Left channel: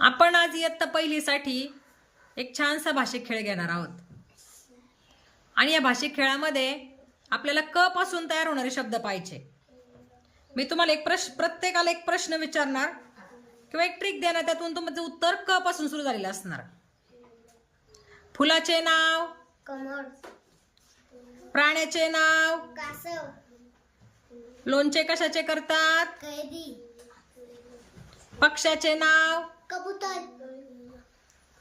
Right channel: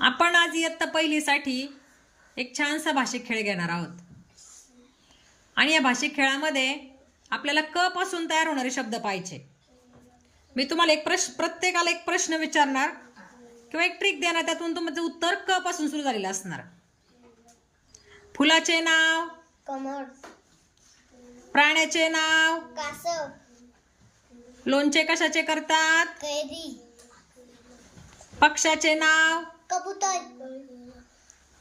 आपण आज इयत्ता पहिलीसाठी एक छानसा भाषिक खेळ घेणार आहोत. आणि या भाषिक खेळामध्ये आपल्याला क पासून तयार होणारे शब्द पाहिजे. मी तुम्हाला प्रत्येकाला एक प्रश्न विचारणार किंवा एक ट्रिक देणार, त्यातून तुमचं उत्तर क पासून सुरू झालेलं असणार. फुलाचे नाव कमळ. प्राण्याचे नाव कासव. लोणचे कशाचे करतात? कैरी. पक्ष्याचे नाव कबूतर.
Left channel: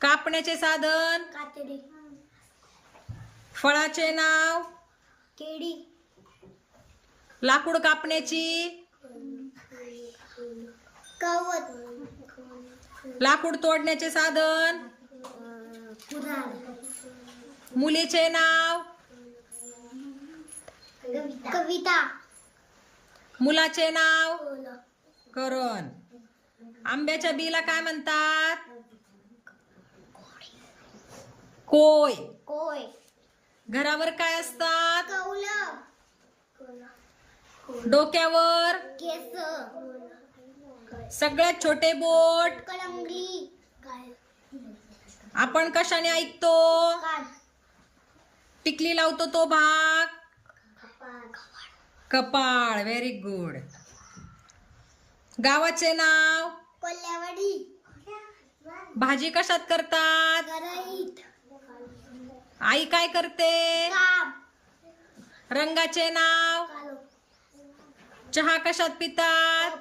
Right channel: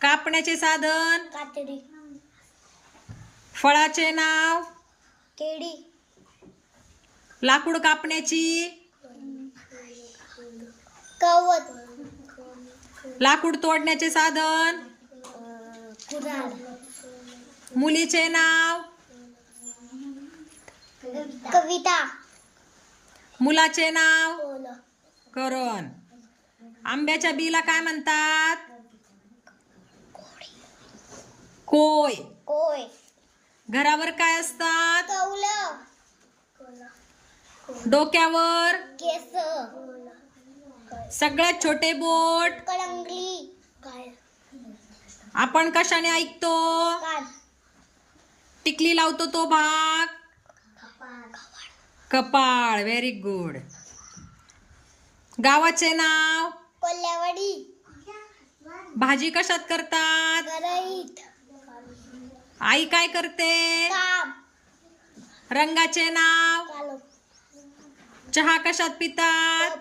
कापण्याचे साधन कातडी. फळाचे नाव केळी. लाकूड कापण्याची कवत. लाकूड तोडण्याचे साधन कुऱ्हाड. मुलीचे नाव कविता. मुलाचे नाव करण. आंब्याच्या बीला काय म्हणतात? कोय. कोय. घरावर काय असतात? कौल. डोक्यावर केस. सगळ्यात छोटे बोट. कलंगली. आपण कशाने ऐकतो? कान. टिकली लावतो तो भाग कपाळ. Very good. गावाचे नाव कोल्हावडी. भाजी कशात करतात? गरईत. आई काय करते? काम. रंगाचे नाव कालो. चहा कशात पितात?